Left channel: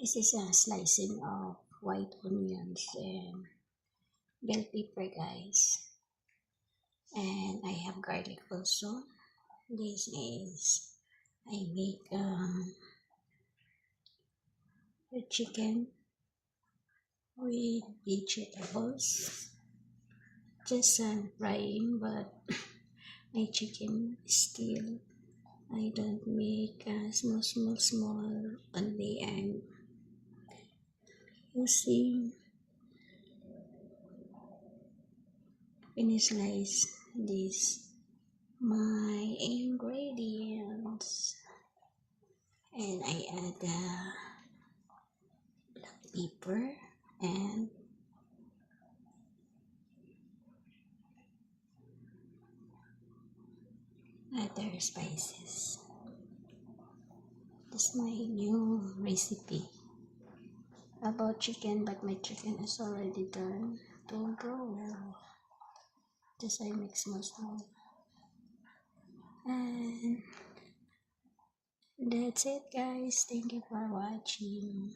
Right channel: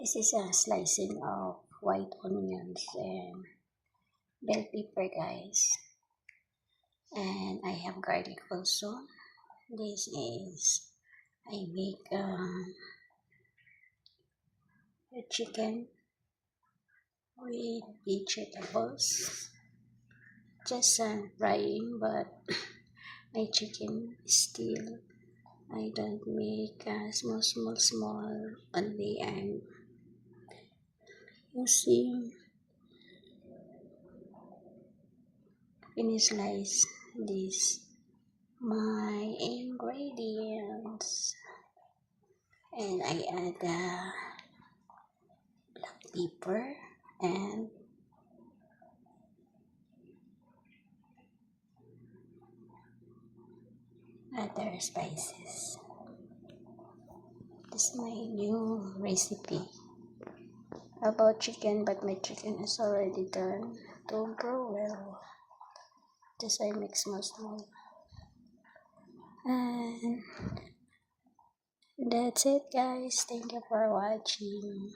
This is a slicing of white onions and bell pepper, guys. And I have garlic also. This is, I make a chicken with vegetables. Just frying, but my chicken still, I don't make small only. I'm using slice this my ingredients, and I add black pepper and other spices. This is my new recipe about chicken, but my chicken is already done to broil. Just I mix small, and that's it, guys. Thank you for watching.